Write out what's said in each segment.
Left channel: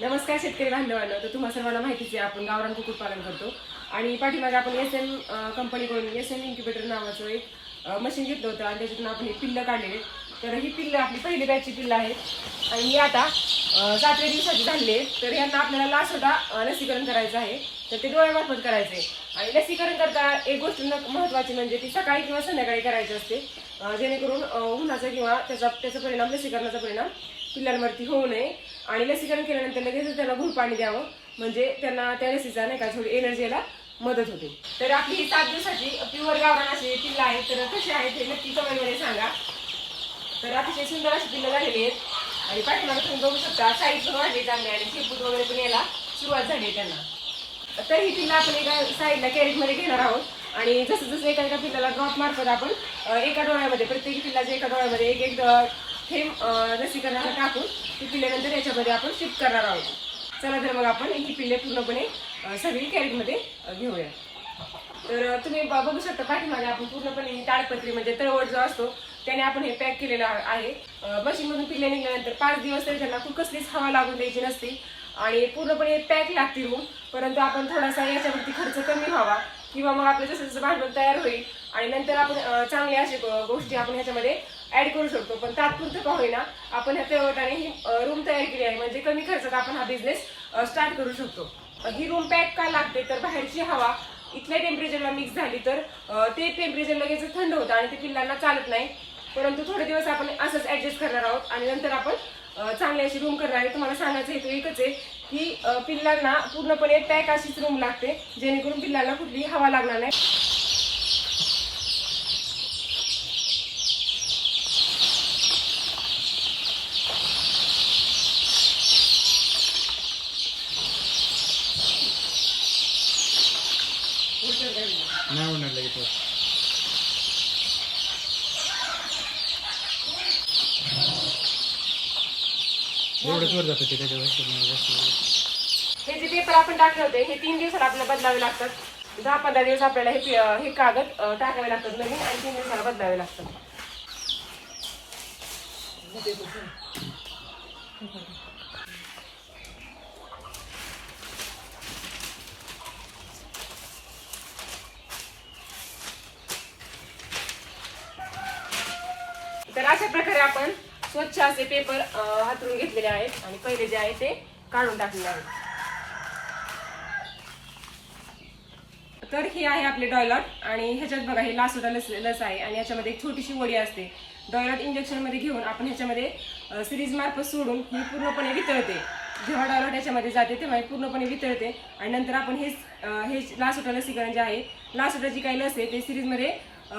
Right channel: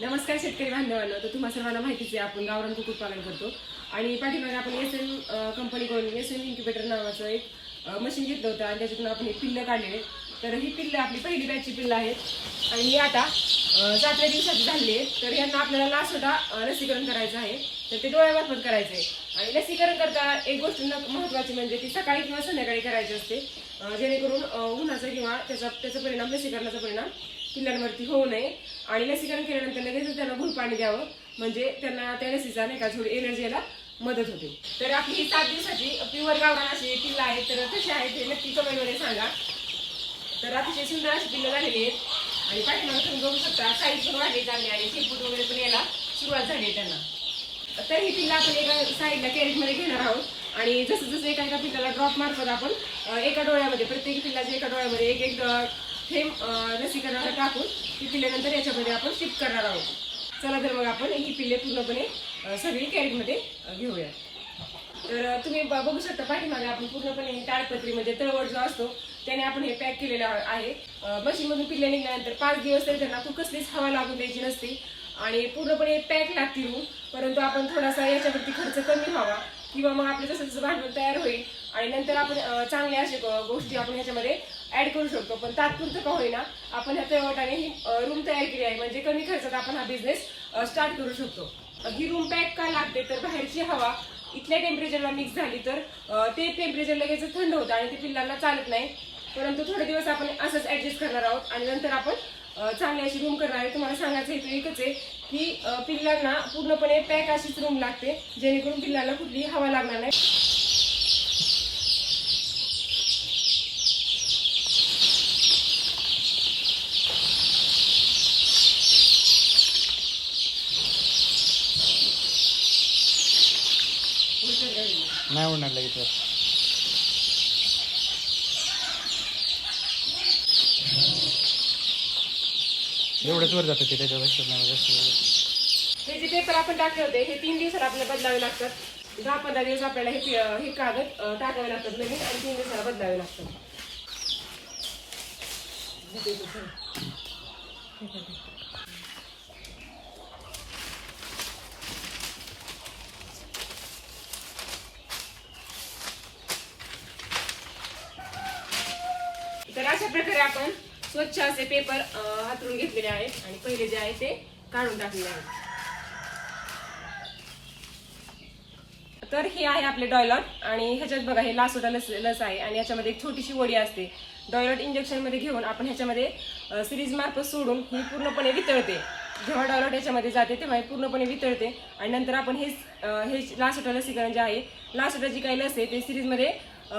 नमस्कार शेतकरी बांधवांनो. तर तुम्हाला सर्वांना माहितीच आहे आपण गावरान कुक्कुटपालन करतो आणि पाठीमागे आपण SM कंपनीकडून SM इन्क्युबेटर नावाचं एक मशीन घेतलं होतं आणि त्याच्यातून आपण ही पिल्लं काढलेली. तर ही पिल्लं आपली पहिली बॅचची पिल्लं आहेत आणि ही आता 7व्या दिवसाची झाली आहे. तर यांना आपल्याला लासोटा लसीकरण करायचं आहे. तर ते डोळ्यामार्फत करायचं आहे आणि लसीकरण करताना एक गोष्ट महत्त्वाची म्हणजे ती सकाळी किंवा संध्याकाळी करायची असते, जेणेकरून उन्हाचा किंवा त्याचा परिणाम लसीकरणाचा परिणाम पिल्लांवरती होऊ नये. आणि लसीकरण केल्यानंतर लगेच त्यांना भूल पाणी द्यावं, म्हणजे त्यांना त्या लसीचा नाही का थोडी एनर्जी यायला मदत होते. तर आपली ही 7 दिवसाची प्युअर गावरान अशी पिल्लं आहेत. तर कशी आहेत हे नक्की कमेंटमध्ये सांगा. तर अतिशय सुंदर अशी पिल्लं झालेली आहेत आणि पाठीमागे तुम्ही बघू शकता साईज पण वाढली चांगली आणि शेपूट वगैरे पण यायला सुरुवात झाली आहे त्यांना. तर ही पिल्लं आपण एका साईडला कॅरेटमध्ये घेणार आहोत आणि जसं जसं एका पिल्लाला ड्रॉप मार्फत आपण एका डोळ्यामध्ये प्रत्येक पिल्लाच्या एका डोळ्यामध्ये एक एक थेंब लसीकरणाला टाकून ती पिल्ल्यानंतर याच्यामध्ये आपण शिफ्ट करणार आहोत. चला तर मग आपण ही पिल्ले पूर्णपणे सगळी कॅरेटमध्ये घेऊया. तर तुम्ही बघू शकता पाठीमागे आपण पूर्णपणे ताडपत्री म्हणजे तळवट जो असतो त्याने आपण हे पॅक केलेलं आहे. मशीनमधून पिल्ले निघाल्यानंतर 5 दिवस तरी त्यांना खूप कसलीच हवा लागून द्यायची नसते आणि पूर्णपणे पॅक लागते रूम. परंतु आपण थोडासा याच्यावरती खर्च कमी व्हावा किंवा मग आपलं जसं जसं भांडवल तयार होईल आणि नंतर आपण चांगल्या अशा गोष्टी आपण ह्याच्यामध्ये ऍड करू शकतो. पण तात्पुरतं का होईना आपण ह्या तळवटाने ही रूम तयार केली आहे, म्हणजे कमी खर्चात आपण हा बिझनेस स्टार्ट करू शकतो. ही रूम पॅक का लागते तर बाहेरची हवा इथल्या टेम्परेचरला मिक्स झाली तर ते टेम्परेचर लगेच थंड होतं आणि ते पिल्लांना चालत नाही. परंतु थोडे दिवस आपण असंच ऍडजस्ट करणार आहोत आणि नंतर आपण चांगली अशी रूम करणार आहे. तुम्हाला सांगायचं हेतू एकच आहे की पिल्लांना पूर्णपणे पॅक अशीच रूम लागते, जेणेकरून पिल्लांना कुठलीही हवा लागणार नाही. नाही होणार लगेच. एवढंच वर जातं ते हे जे पेपर आपण टाकले होते हे 3 दिवसाला आपल्याला बदलावे लागतात. 10-15 दिवस आपल्याला हे कागद टाकावे लागतात नवीन आणि 3 दिवसाला बदलावे लागतात. तर अशा प्रकारे आपण स्वच्छ असे पेपर हातरून घेतलेले आहेत आणि पहिले जे आहे ते काढून टाकलेले आहेत. तर हे आहे आपले डॉयलॉट आणि ह्याच्यात बघा हे लासोटा लस आहे आणि याच्यामध्ये एक छोटीशी वडी असते. डॉयलॉट इंजेक्शन मध्ये घेऊन आपण ह्याच्यामध्ये सिरीज मार्फत सोडून ही पूर्णपणे वितळते. जेव्हा डॉयलॉट याच्यामध्ये जाते तेव्हा हे पूर्णपणे वितळते आणि नंतर आपण हे लासोटा लसीकरण जे आहे, लासोटाची काही लस आहे ते सिरीजमध्ये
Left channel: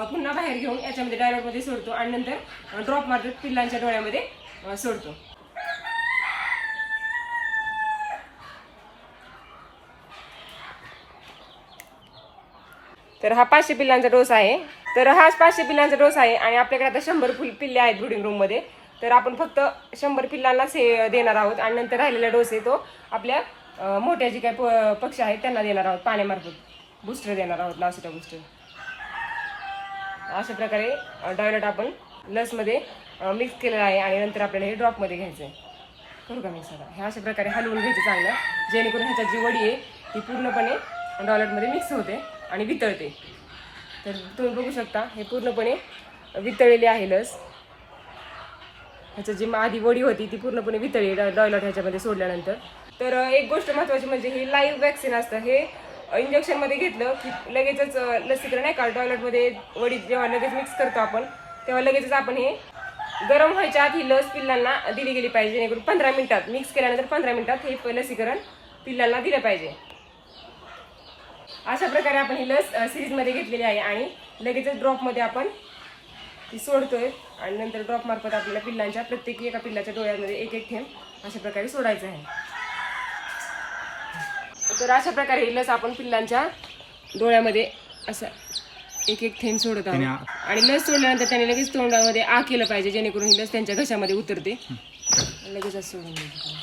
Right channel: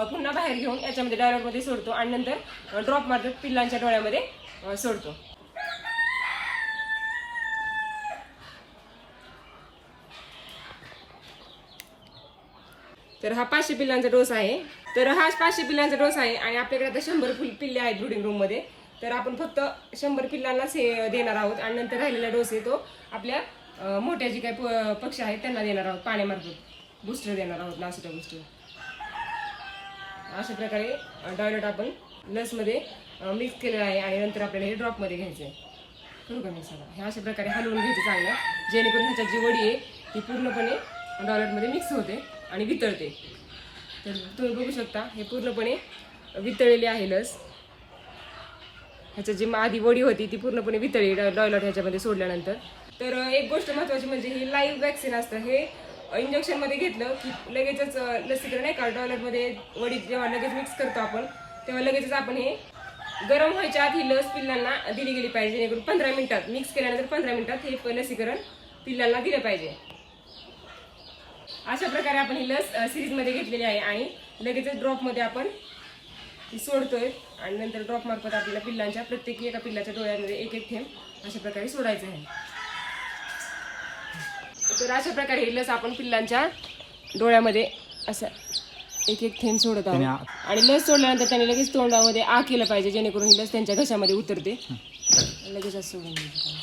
पुन्हा बाहेर घेऊन याच्यामध्ये डायलॉटमध्ये सोडतो आणि नंतर ड्रॉप मार्फत पिल्लांच्या डोळ्यामध्ये सोडतो. तर हा 500 पिल्लांचा डोस आहे. तर हा 500 पिल्लांचा डोस आहे आणि आपल्याकडे आता 100 पिल्ले आहेत ब्रीडिंग रूम मध्ये. तर आपण फक्त 100 पिल्लांनाच हे देणार आहोत आणि नंतर राहिलेला डोस आहे तो आपल्या मोठ्या जे काही पक्षी आहेत त्यांना देणार आहोत. पाण्यामार्फत बूस्टर देणार आहोत, लासोटा बूस्टर. अशा प्रकारे डॉयलॉट आपण लसमध्ये मिक्स केलेला आहे आणि नंतर आपल्याला हे ड्रॉपमध्ये घ्यायचं आहे. करू का मिक्स आता? हे अशा प्रकारे हलवून घ्यायचं चांगलं, जेणेकरून ह्याच्यात जी वडी आहे ती पूर्णपणे डॉयलॉटमध्ये मिक्स होते आणि वितळते. तर तुम्ही बघू शकता हे पूर्णपणे वितळलेली आहे लस. ह्याच्यात जी आधी वडी होती ती पूर्णपणे वितळली डॉयलॉट ह्याच्यामध्ये सोडल्यानंतर. तर एक गोष्ट महत्त्वाची म्हणजे हे लाईव्ह वॅक्सिन असतं. हे इंजेक्शनमध्ये घेतलं की लगेचच लसीकरण आहे का डॉयलॉटमध्ये वडी जेव्हा लगेच मिक्स करतो आपण तेव्हा लगेचच आपण हे गरम व्हायच्या आधी लस पिल्लांना दिली गेली पाहिजे, जेणेकरून 15 मिनिटात मिक्स केल्यानंतर 15 मिनिटात हे लसीकरण पिल्लांना दिलं पाहिजे. अशा प्रकारे आपण ही लस सिरीजमध्ये घेतलेली आहे आणि लगेचच ड्रॉपमध्ये आपण ती सोडतोय आणि नंतर ड्रॉप मार्फत आपल्याला पिल्लांच्या प्रत्येकी एका पिल्लाच्या डोळ्यामध्ये एक एक थेंब अशा प्रकारे सोडायचं आहे. तर अशा प्रकारे ही लस आपण पिल्लांच्या डोळ्यामध्ये असं एक एक थेंब सोडत आहोत आणि लस सोडल्यानंतर त्याने लगेच तोंडामध्ये आ केलं पाहिजे, जेणेकरून ही लस त्यांच्या घशामध्ये उतरते. लगेच असं सोडून द्यायचं.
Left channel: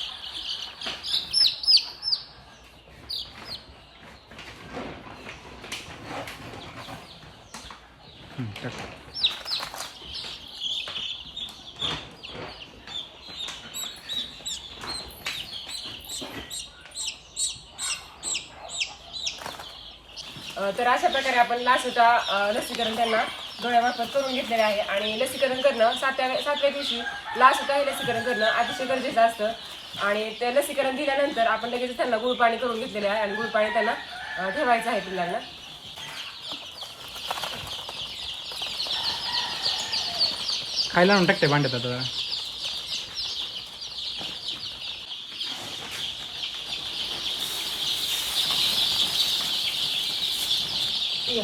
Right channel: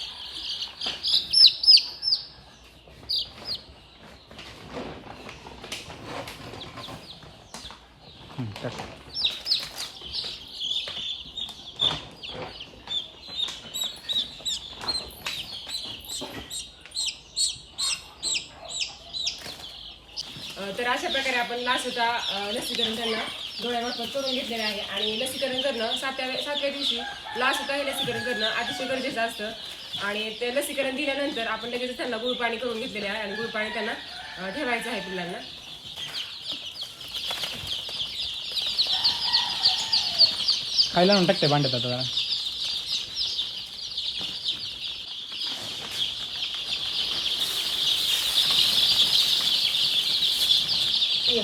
तर अशा प्रकारे आपण लासोटा लसीकरण त्यांना डोळ्यामार्फत करून घेतलेले आहे. आणि लसीकरण करणं सातव्या दिवशी लासोटा हे लसीकरण करणं अतिशय गरजेचं असतं. आणि ते लसीकरण दिल्यानंतर आपण लगेच त्यांना गुळपाणी करून घेतलेले आहे आणि गुळपाणी त्यांना ठेवायचं आहे पिल्लांना. खायला आणून टाकते भांड्यात आता जरा. ये.